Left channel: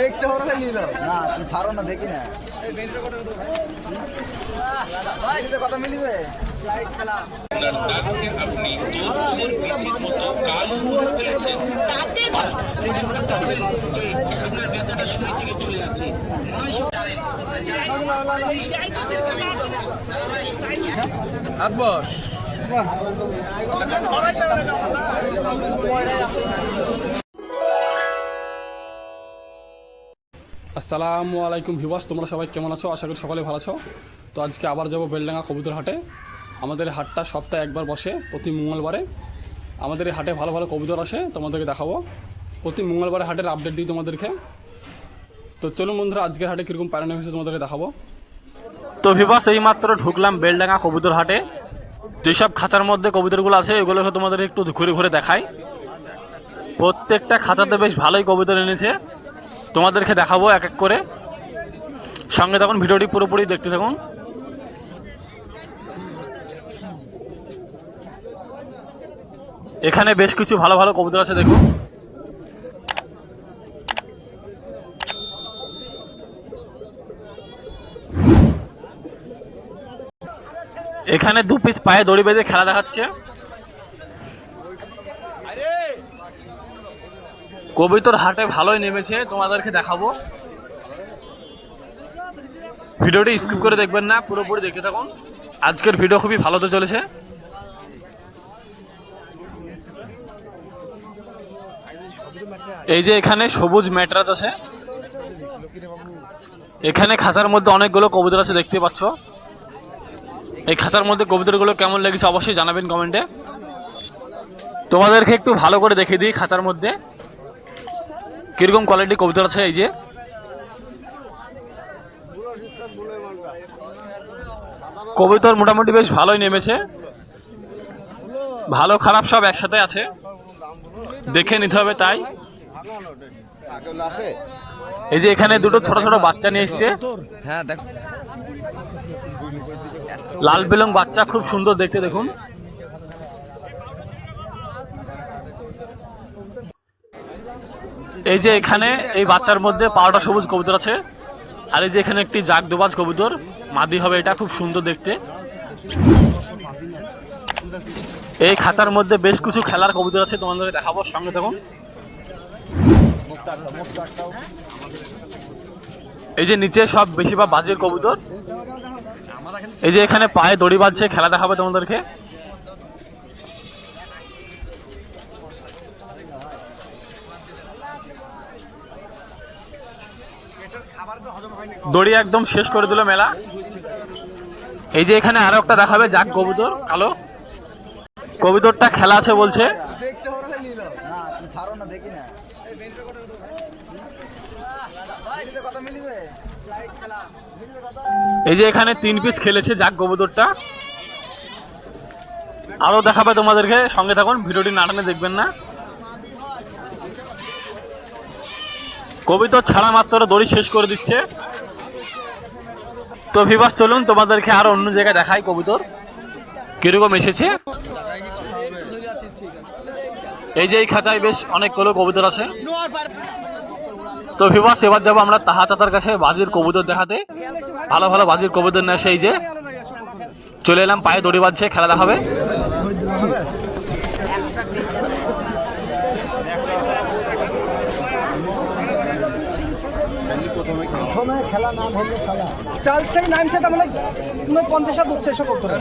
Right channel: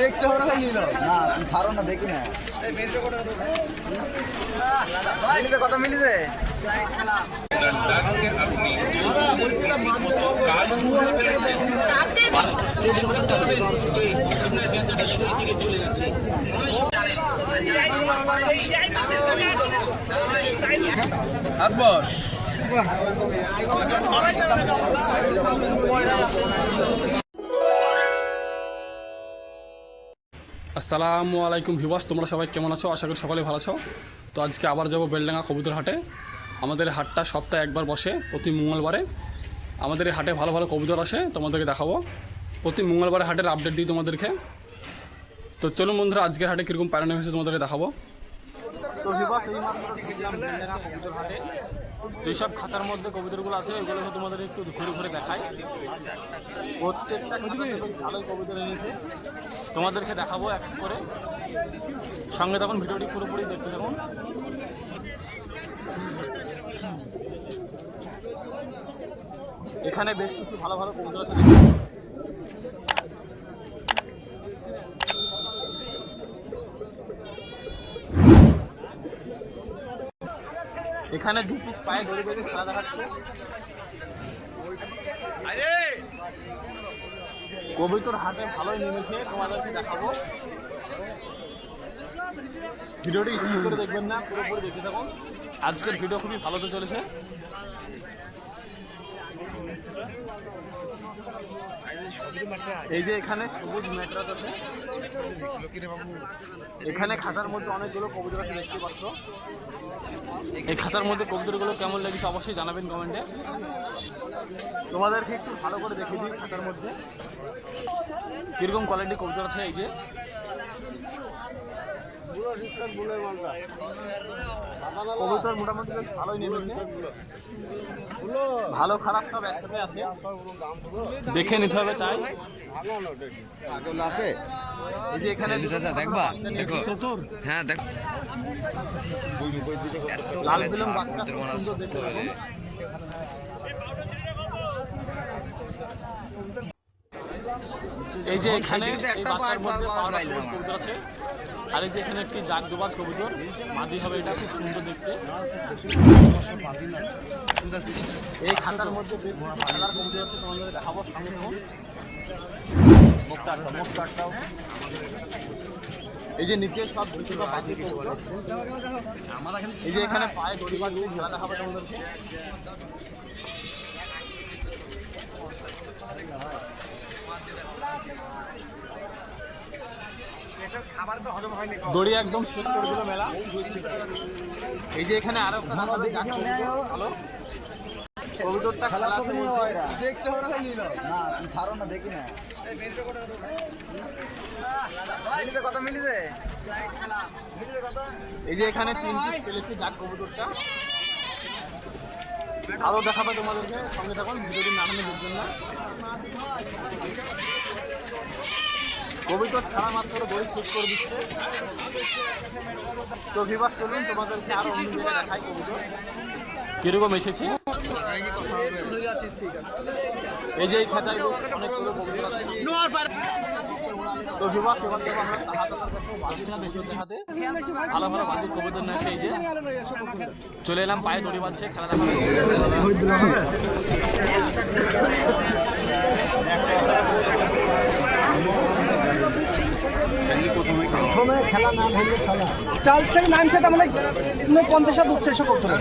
দেখতে হবে না নিল না, তুমি ছাড়ো না, দেখি না কত মিলিছে। আসসালামু আলাইকুম ভিউয়ার্স, তোমরা সবাই কেমন আছো? আশা করি সকলে ভালো আছো। তো আজকে আবার যাবো বেলডাঙ্গা কবুতর হাটে। আমাদের এই হাটটা সপ্তাহে একবার বসে, প্রতি মঙ্গলবারে। আমাদের এই হাটে ভালো ভালো কবুতর আসে, তোমাদেরকে দেখাবো। প্রতি মঙ্গলবারে হাটের আপডেট দিই তোমাদেরকে। তো চলুন বন্ধুরা, আজকের হাটে কীরকম প্যারানো হয়েছে তোমাদেরকে দেখাবো। তো ভিউয়ার্স, এই মাত্র ঢুকলাম বেলডাঙ্গা কবুতর হাটে। যেসব খাঁচার মধ্যে কবুতরগুলো আছে এগুলোকে তোমাদের একটু ঘুরে ঘুরে দেখাই। প্রত্যেকটা খাঁচাতে বেশ ভালোই কবুতর এনেছে, তোমাদেরকে দেখাবো এক এক করে। সঙ্গে তখন ভিডিওটি পুরোপুরি দেখতে থাকুন। এখানে বেশ কিছু ভালো ভালো কবুতর আছে, দেখুন। এখানে দু পিস পায়ে দড়ি বেঁধে খেলা দেখাচ্ছে। কবুতর হাটে ভালোই নেমেছে, তোমাদেরকে দেখাবো। ভিডিওটি স্কিপ করে দেখবেন না, পুরোপুরি দেখতে থাকুন। আজকের ভিডিও খুবই ভালো তো চলেছে। এই যে এখানে সবুজ ম্যাটরাস আছে, এখানে খাঁচার মধ্যে অনেকগুলো কবুতর আছে, দেখতে পাচ্ছ। এই খাঁচার মধ্যে কবুতরগুলো কেমন লেগেছে অবশ্যই জানাবেন কমেন্টে। তোমাদেরকে একটু ভালো করে দেখিয়ে দিই খাঁচার মধ্যে কিরকম কোয়ালিটি কবুতর আছে। এই যে কবুতর মোটামুটি বেশ ভালোই নেমেছে, ভালো খারাপ সব একসাথে আছে, দেখে নিতে হবে তাই। এই যে এখানে দুটো ছোট ছোট বাচ্চা নিয়ে এসছে। হ্যাঁ, দেখ, লাল বেলং বাচ্চা, খুব সুন্দর দেখতে, দেখুন। এই যে এখানে এই বাচ্চার মধ্যে 12টা সবুজ কবুতর আছে। আর এই যে এখানে একটি জাগ দুবাজ কবুতর, মাদি হবে এটা, খুব সুন্দর দেখতে। এই খাঁচার মধ্যে বেশ কিছু খেলার কবুতর আছে, তোমাদের দেখাবো, সঙ্গে থাকুন। এই যে নিচে সব বেশিরভাগ বাজের কবুতর। এই যে এখানে পায়ে দড়ি বাজছে, খেলা দেখাবে তোমাদেরকে। দড়ি একদম শেষ করে দিল মেলা। এই যে এখানে আরো একটা দেখাবে জাগ কবুতর, কালো কবুতরটা খেলা আছে বলছে। দেখতে হবে না নিল না, তুমি ছাড়ো না, দেখি না কত মিলিছে। এই যে এখানে 3 পিস খেলেছে জাগ কবুতরটা। আরো দেখাবে তোমাদেরকে, সঙ্গে থাকুন, ভিডিওটি না টানে দেখবেন না। কবুতর ছাড়া মাত্র দড়ি শেষ করে দিচ্ছে। তো ভিউয়ার্স, চলুন তোমাদেরকে আরো অন্য জায়গায় দেখাই কবুতর কিরকম এসেছে। এই যে এই খাঁচায় বেশ অনেকগুলো কবুতর আছে। তো ভিউয়ার্স, এবার যাবো আমরা তাহা চাচার কাছে বাজির কবুতর দেখাতে। ভালো ভালো বাজির কবুতর নিয়ে আসে। এই যে চলে এলাম, পায়ে দড়ি বাজছে, খেলা দেখাবে। খেলা না ধরলে চাল থেকে নামছে, তার মানে 50 উঠছে, এসব করতে হবে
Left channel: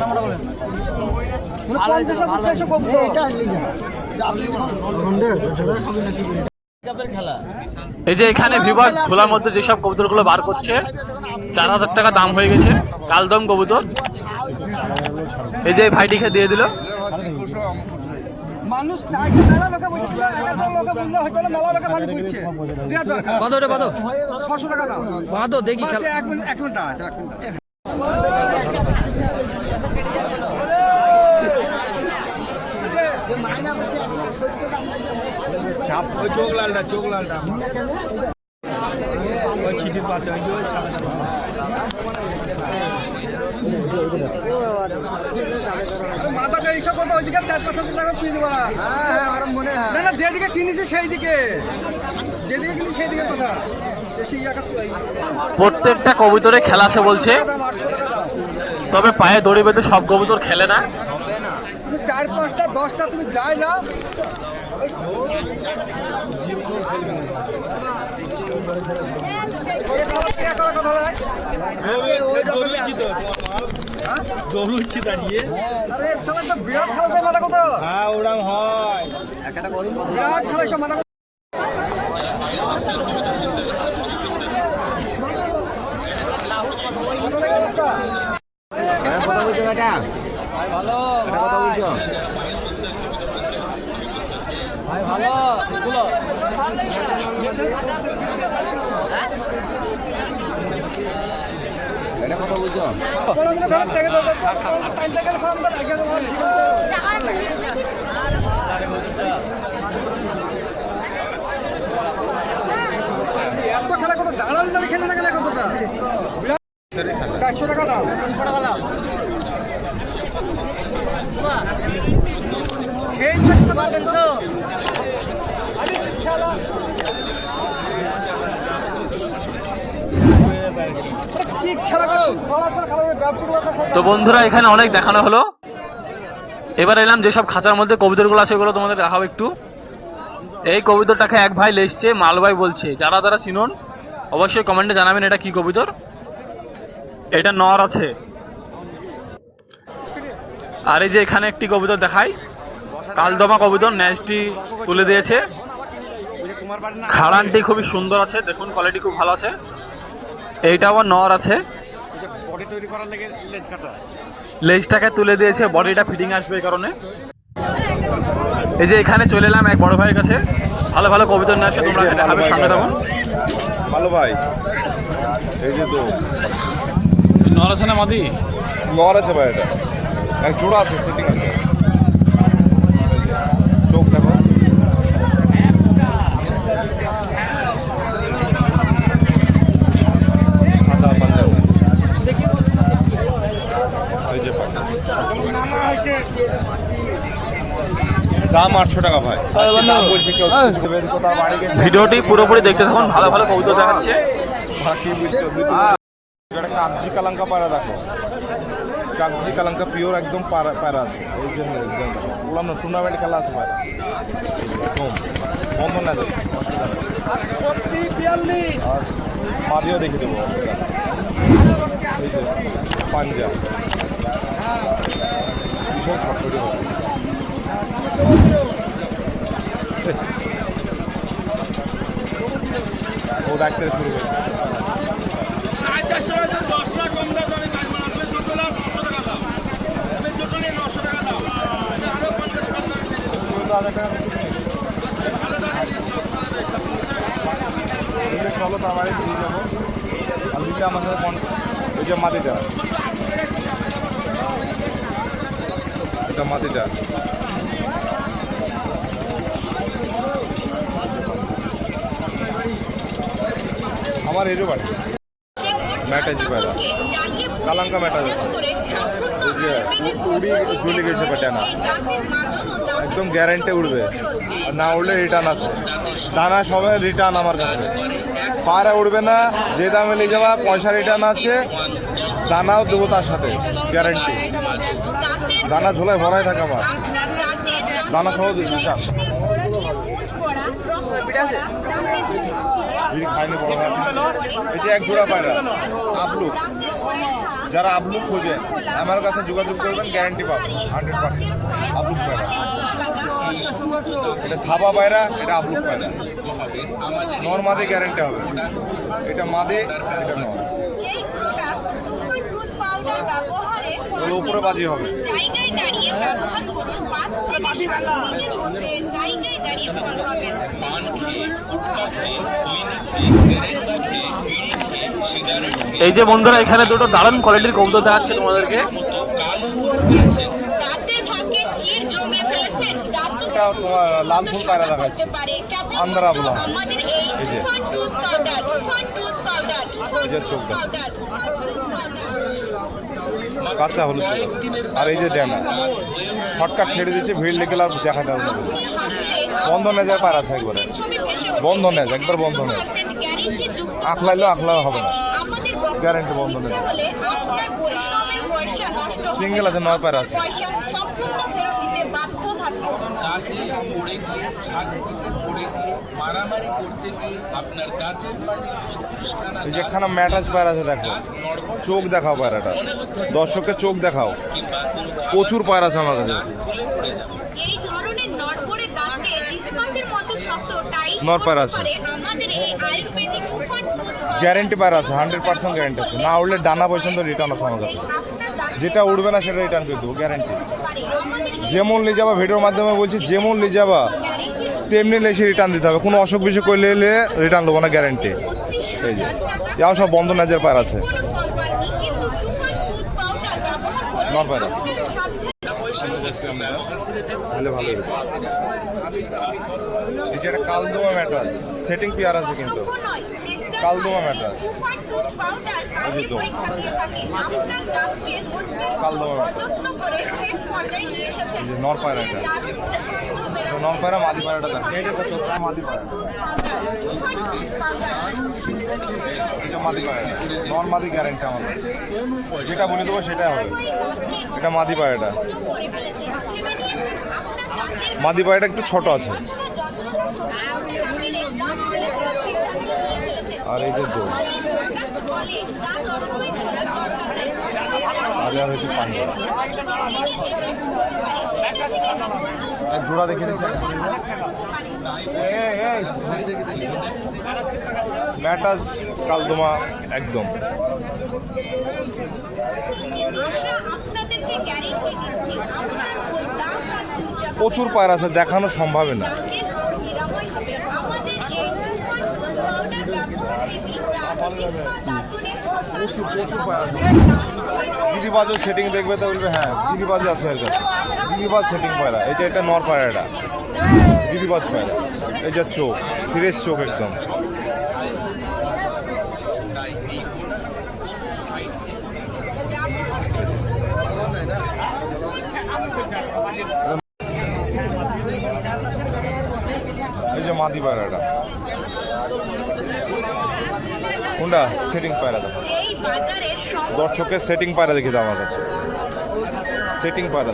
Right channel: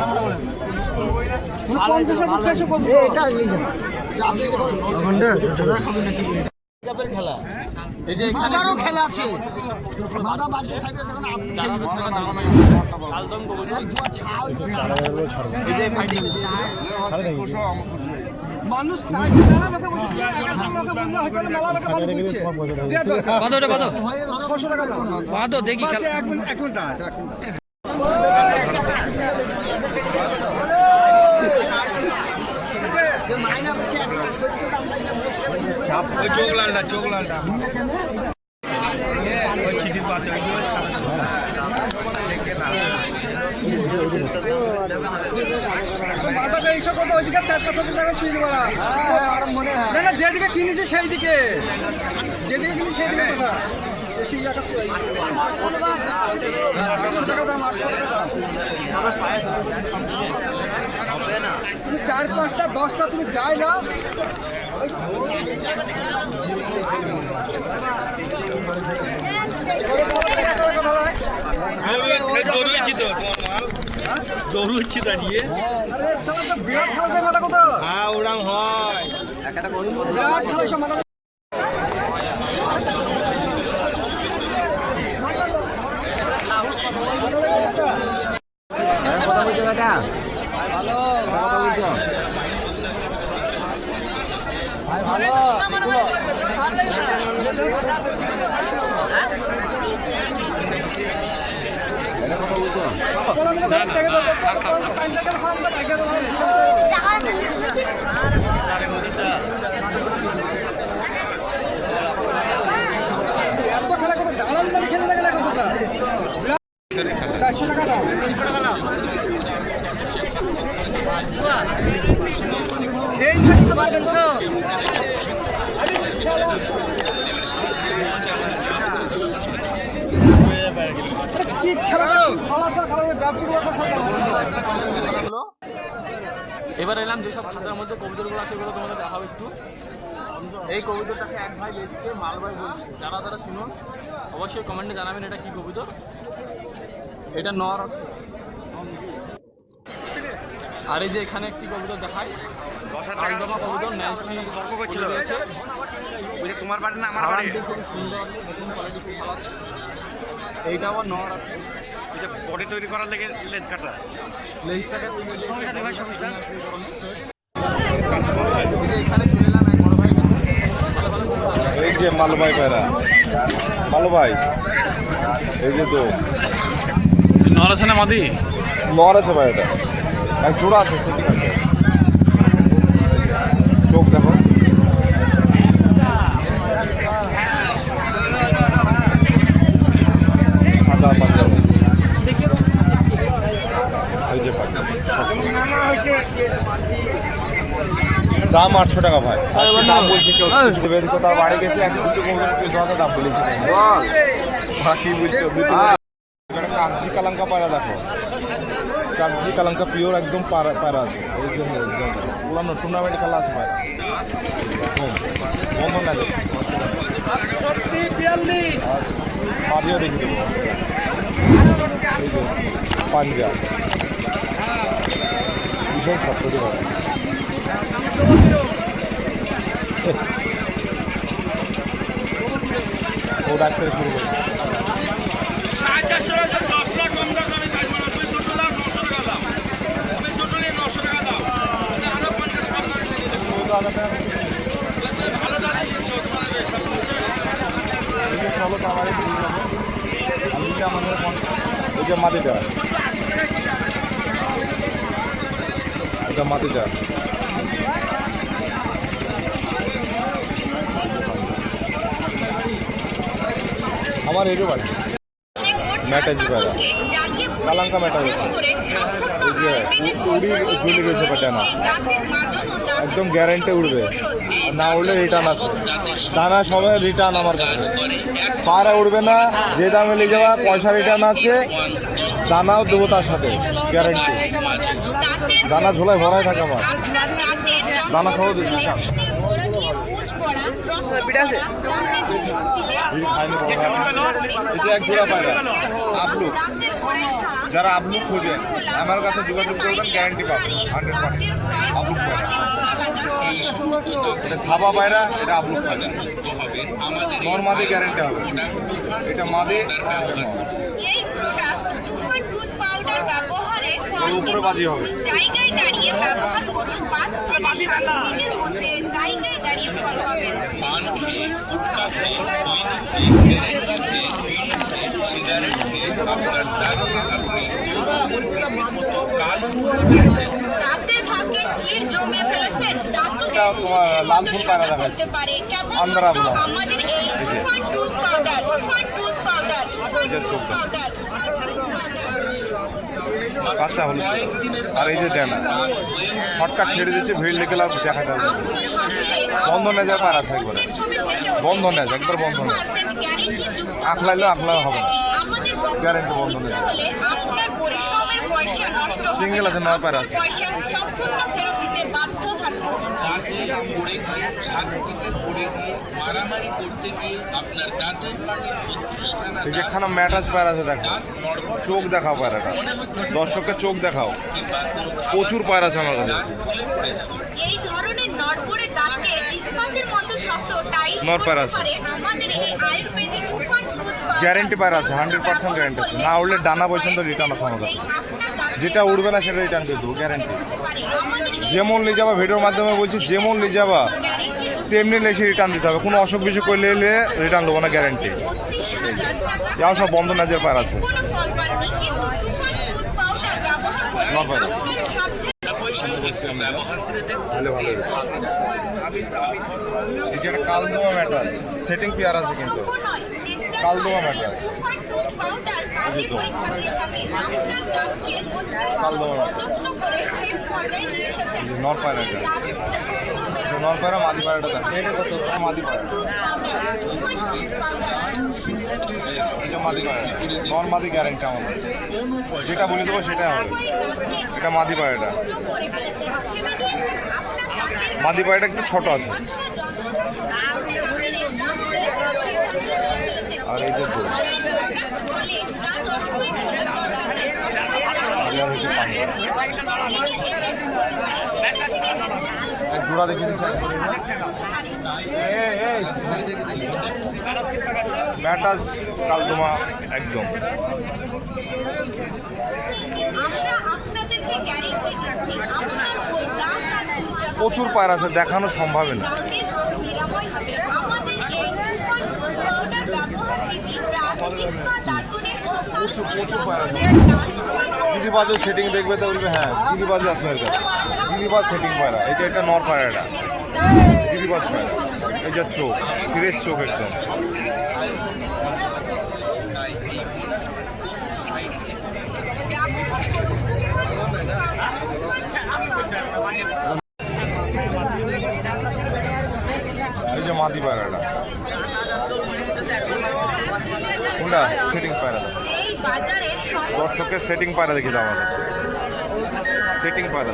50 উঠছে, এসব করতে হবে। এই যে এখানে বিভাগ খোলার মধ্যে যেসব কবুতরগুলো বার করছে, 4000 টাকা দাম হয়ে গেছে, কালদম কবুতর। এই যে ভাইটিকে দিয়ে দিল। মানুষ মেলা লোকে বলছে, 1100 লোকে বললে হয়তো মেলা লোকে ভালো বুঝছে। কত এটা, কত? 600 টাকা দাও। কত দেখি, এক মিনিট দাঁড়া, এক মিনিট দাঁড়া। চাপ চোখ লালটা, চোখ লালটা চিঠির পাশে মাথাটা 250 কত ওইদিকে 4-5 টাকা ফ্রি দেবো না। আমার মনে হয় না, যেদিকে কিনেছি সেই দিকে, যেদিকে কিনেছি সেই দিকে কথা। প্রত্যেকটা কবুতরে খেলা আছে বলছে, তবে পায়ে দড়ি বেঁধে সব কবুতর খেলে না। 4-5টা 10টা তুমি যাই না, বিরাট খেলা যায় মাথা কত, বিরাট খেলা সব মাথা। কথা বলছো কাকা, কথা বলছো এটা কথা বলছো এত খেলা কত দাঁড়াল দাঁড়িয়ে খেলে না গেলে কতটা 400 টাকা দাম। তো বন্ধুরা এখানে অনেক দেখানো হলো, এবার এলাম যেসব খাঁচার মধ্যে কবুতরগুলো আছে ওগুলো তোমাদের দেখাবো একটু। এই কবুতরটাকে এক ভাই লেসছে, মালভাই বলছে, যারা যারা চিনুন অবশ্যই কমেন্টে জানাবেন এটা কি কবুতর। এটা নর আছে। আর এই যে এখানে একটি কবুতর দেখাই, কালদমা কবুতর, ন্যাজটি তুলে দিয়েছে। হাড়ানটি খুবই সুন্দর আছে, দেখুন কোয়ালিটি খুব ভালো আছে। এইটা আবার নর আছে, বডি তৈরি করার লেগে লেজ কাটা, লেজটাকে তুলে দিয়েছে, বডিটা ফিটিং আসবে এই কারণে। এই যে এখানে চলে এলাম এক বড় ভাইয়ের কাছে, ভালো ভালো কবুতর নিয়ে আসে। ভালো ভাই, এই যে তো নর আছে না মাদি? নর আছে ভাই, এটা এক জোড়া আছে, সেটিং আছে। চোখ দেখো, সাদা পাঞ্জাব, এই যে দাম 800 টাকা ভাই, দাম বলছে কেউ। ভিডিওটি পুরোপুরি দেখতে থাকুন, ভালো ভালো কবুতর দেখাচ্ছে। কাগজি কালাঙ্কা পায়রা দেখো, কাগজি কালাঙ্কা পিওর একদম পায়রা আছে। এই জন্য পুরানো টুর্নামেন্ট খেলা আছে পায়রা, বন্ধ না দেবে আর মাদিও দেখে দেবো, পাঞ্জাব ভীষণ শক্ত দেবো। ও ডাক থেকে শুরু করে চলো তো আমার দিয়ে যাবো, আর দিলে আমাদের ওই যে মাটিটা, এটা মাটিটা আমার এরও বাড়ি ম্যাটাজি পায়রা, কালাঙ্কা ম্যাটাজ আছে। ওই যে উড়ি চলে গেছে ডানা, একদম গ্যারেন্টি উড়বে, আর না উড়লে রিটার্ন আছে। দানা সবাই রিটার্ন আমার কাছে, পায়রা উড়বে না, যে দামে নিয়ে যাওয়া পয়সা রিটার্ন আছে, দানাও দেবো তার সাথে গ্যারেন্টি। দানা ঝোলায় ভরাই থাকে আমার, দানা সহ রিটার্ন। এই যে এক জোড়া পায়রা আপলুক, যারা আপলুক খোঁজেন আমার কাছে যোগাযোগ করবেন, গ্যারান্টি পাবেন 100%। আপলুক পায়রা, এটা থাবা পায়রা, এটা আপলুক পায়রা, নর মাদে গ্যারান্টি হবে। এটা মাদে, এটা নর, উপরে বাজি হবে। এই যে বন্ধুরা এখানে দুটো দারুণ কোয়ালিটির কবুতর দেখাচ্ছে তোমাদেরকে। তোমার লাল ফুল পায়রা দেখাচ্ছি, আন্দারা বলা এই যে চোখ দেখা কাঁচা হলুদ চোখ আছে। আর এই যে ডেনা হটকাট ছেড়ে দিচ্ছে, ভিড় লেগে আর দেখা যাবে বন্ধ নেজার পার আছে, একবারে বন্ধ নেজ, একবার বন্ধ নেজ, আখলাইলেও আখলা হবে না, গ্যারেন্টি বন্ধ নেজ। সিঙ্গেল আছে, 9 পার আছে। যেখানে ম্যাটাজ পায়রা আছে দেখো, চোখ দেখাও পায়রাটা, দর্শককে চোখ দেখাও, প্রচুর পায়রা আছে আমার কাছে। নর পায়রা আছে, গ্যারেন্টি পায়রা আছে, 100% গ্যারেন্টি আছে। না উঠলে ডানা পর্যন্ত রিটার্ন আছে আমার কাছে, যেটা উঠবে না সেটা রিটার্ন করে দেবো, গ্যারেন্টি। যেমন নিয়ে যাবা, ভিডিওর মাধ্যমে বলছি, যেমন নিয়ে যাবা তেমনি লেসে রিটার্ন দিতে হবে, কোনো অসুখ বিসুখ করলে রিটার্ন দেবো না, গ্যারেন্টি। এই যে যাও সব বন্ধ নাজের পায়রা আছে, নর পায়রা ভালো ভালো। এটা একটা কালদোয়া ম্যাটার, সেটিং পেয়ার আছে, কিন্তু কালদোয়া ম্যাটার, কালদোয়া ম্যাটার। নর পায়রা আছে, নর পায়রা মাদি পায়রাটা দেখ, মাদি পায়রাটা, এই যে মাদি পায়রাটা, নর মাদি গ্যারেন্টি আমার, যেটা বলে দেবো সেটা হবে। এটা মাদি পায়রাটা, মাদি পায়রাটা একটু ছোট আছে। আর এই যে দোল, জোড়া দেখে দিচ্ছে ম্যাটাজ কালদমা একদম। প্রচুর পায়রা আছে, দেখানো সম্ভবই না। প্রচুর প্রচুর পায়রা আছে। গিরিবাজের সেটিং দেখবে তো বলবে হ্যাঁ গিরিবাজ আছে এর কাছে, গিরিবাজ সেটিং পায়রা। এটা একটা নর পায়রাটা, গিরিবাজ পায়রা। এই যে চোখ, ফ্রেশ চোখ একদম। এই যে মাদি পায়রাটা, কোনটা সেটিং পায়রা, দর্শকের সেটিং পায়রা দেখি আমার কাছে, সেটিং পায়রা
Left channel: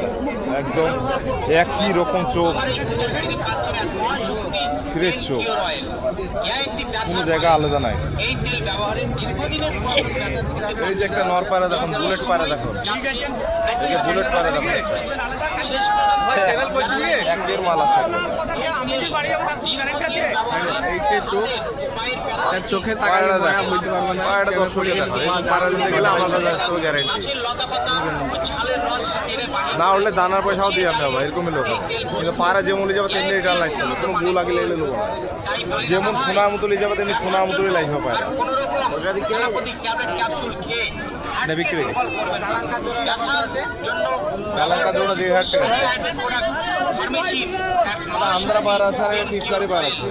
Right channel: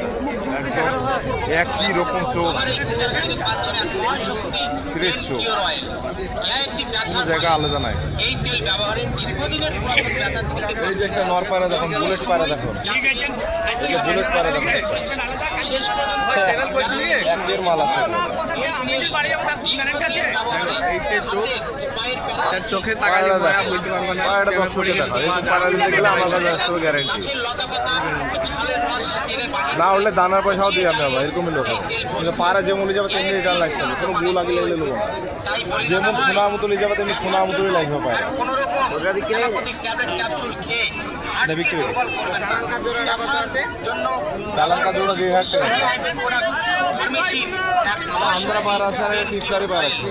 একদম একই রকম চোখ, ফ্রেশ চোখ, কোনো জায়গা আলাদা নাই। এই যে একটা নর পায়রা দেখুন, বুলেট পায়রা দেখুন, এই যে বুলেট পায়রা দেখুন, একদম মাল আছে। চোখে গ্যারেন্টি না উঠলে দানার পয়সাও দিই আমরা, এরকমই লোক পাড়া যেমন লিয়ে যাবে তেমনি রিটার্ন লাগতে হবে, কোনো গু লাগিয়ে নেবো না। যেমন সোনার মতো লিয়ে যাবে তেমনি সোনার মতোই লাগবে পায়রা। এটা বিক্রি কালারটা জন্য 2000 টাকা। আন্ধ্রা পায়রা আছে আর পিপকারি পায়রা আছে,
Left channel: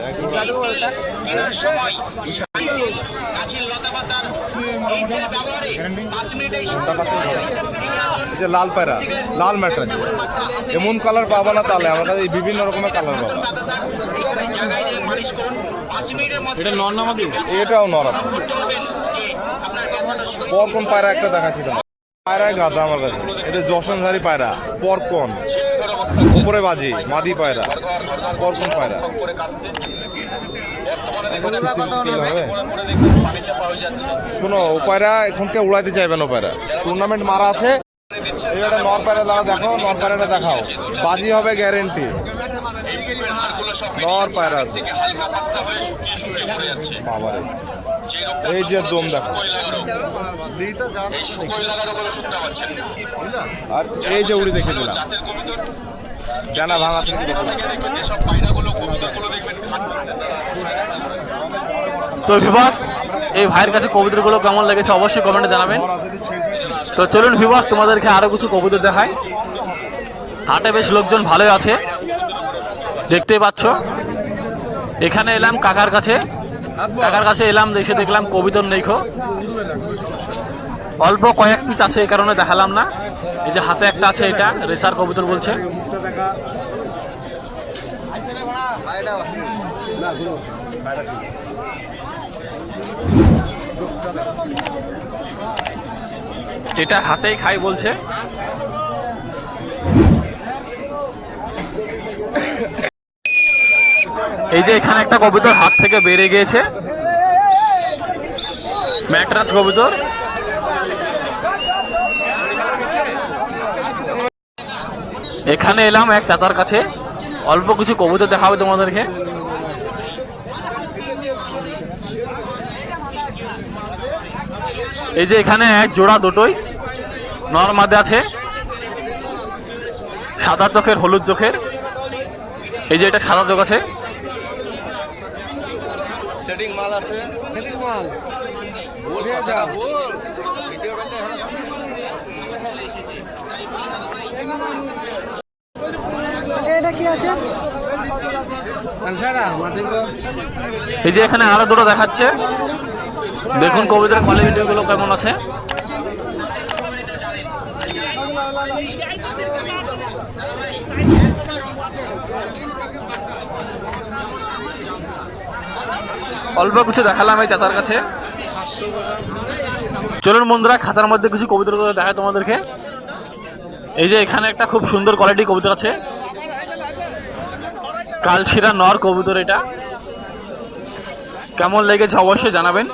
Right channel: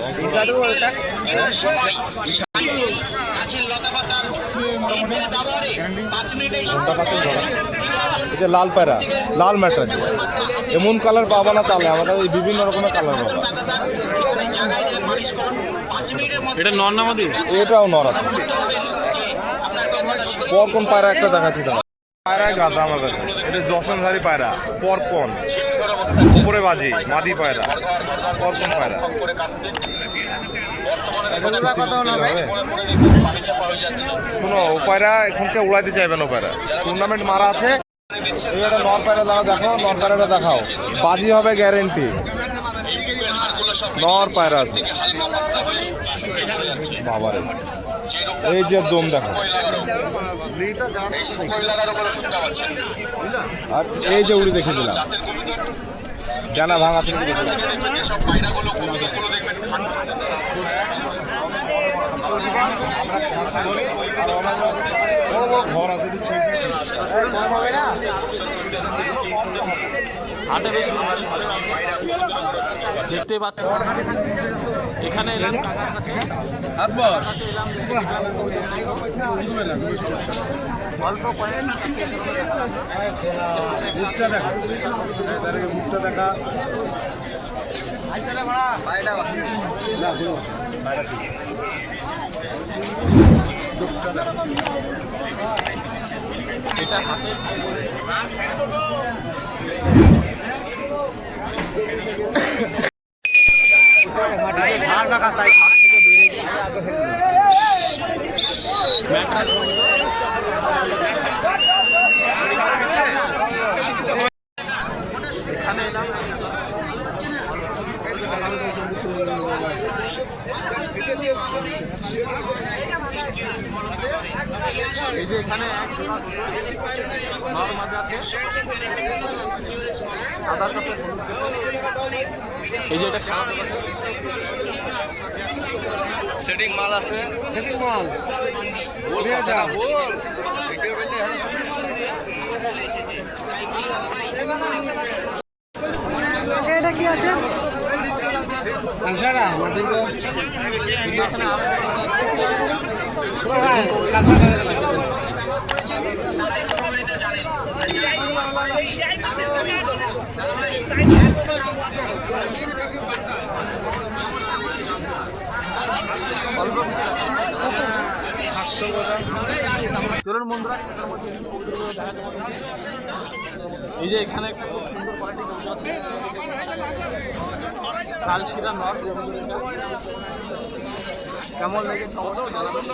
লাল পায়রা, লাল ম্যাটার। এমন কালার পাবা না তাহলে আমাদের এই বিভিন্ন রকমের কালার পাবা। এটা নর না মাদি? এটাও নর আছে। পরকন পায়রা একটা দেখাচ্ছি তোমার, পায়রায় গাদা আমার কাছে। এটা যশনধারী পায়রা, পরকন উপরে বাজি, মাদি পায়রা, পরকন পায়রা। শোনো ও পায়রা এখনকে উড়াইতে চাইবেন, ও পায়রা টুর্নামেন্ট মারা আছে। এবার নর পায়রা দাঁড়া দেখো, নর পায়রাটা দেখাও, বাজি হবে গ্যারেন্টি। নর পায়রা আছে বাবারে, এই যে দম দেখো, আর এই যে উড়ি দেখে দিলাম, ডানা ভাঙা থেকে তো ভিউয়ার্স, এই ভাইয়ের কাছে কবুতরগুলো কেমন লেগেছে অবশ্যই কমেন্টে জানাবেন। তো চলুন ভিউয়ার্স, তোমাদেরকে আরও কিছু কবুতর দেখায়। হাটে বেশ লোকজন ভালোই আছে, দেখতেই পাচ্ছ এখানে এলাম কাকার কাছে এলাম, এসে দেখলাম কবিতর নেই খো, অল্প কয়েক পিস আছে, এই কারণে দেখালাম না। এই যে হাতে একটা আছে, এটা রেসার কবুতর বলছে। এটা হাতেই খাই বলছে। এই যে এখানে একটা কবুতর হাত থেকে বেড়ে গিয়েছে, ম্যাকরাজ কবুতর। এখানে এলাম এক চাচার কাছে, অল্প কিছু কবুতর দেখাবে তোমাদেরকে। এই যে এখানে এক জোড়া দুটোই নর মাদে আছে, সাদা চোখের হলুদ চোখের। এই যে এটা সাদা চোখ আছে, সেটিং মাল আছে, সেটিং মাল নিয়ে যাও। এটা কি আছে? এই যে এখানে আরো দুটো দেখাচ্ছে, দেখুন কবিতার কোয়ালিটিগুলো কেমন আছে। অল্প কিছু দেখালাম এই চাচার কাছে। চলুন বন্ধুরা, খাতার মধ্যে কিছু কবুতরগুলো দেখায় তোমাদেরকে। এই যে এখানে একটা খুব সুন্দর কোয়ালিটি কবুতর আছে, কালশিরা নর কবুতর। এটা কেমন লেগেছে অবশ্যই জানাবেন।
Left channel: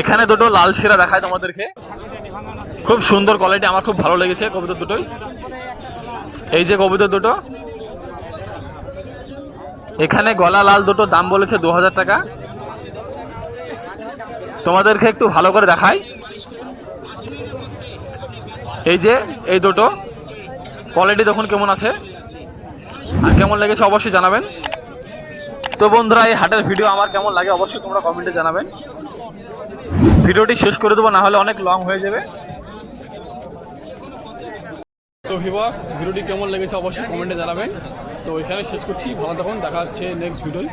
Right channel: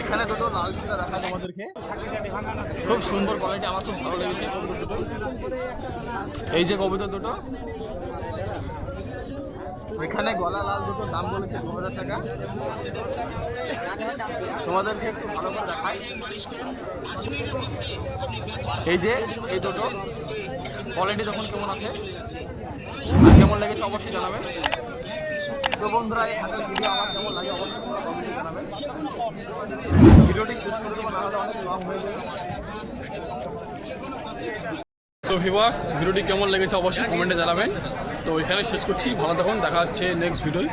এখানে দুটো লাল শিরা দেখায় তোমাদেরকে, খুব সুন্দর কোয়ালিটি, আমার খুব ভালো লেগেছে কবুতর দুটোই। এই যে কবুতর দুটো, এখানে গলা লাল দুটো দাম বলেছে 2000 টাকা। তোমাদেরকে একটু ভালো করে দেখাই। এই যে এই দুটো কোয়ালিটি দেখুন কেমন আছে, কেমন লেগেছে অবশ্যই জানাবেন। তো বন্ধুরা, এই হাটের ভিডিও আমার কেমন লাগে অবশ্যই তোমরা কমেন্টে জানাবেন। ভিডিওটি শেষ করে দেবো, না হলে অনেক লং হয়ে যাবে। তো ভিউয়ার্স, ভিডিওটি কেমন লেগেছে অবশ্যই কমেন্টে জানাবেন। তো এখানে শেষ করছি, ভালো থাকুন, দেখা হচ্ছে নেক্সট ভিডিও।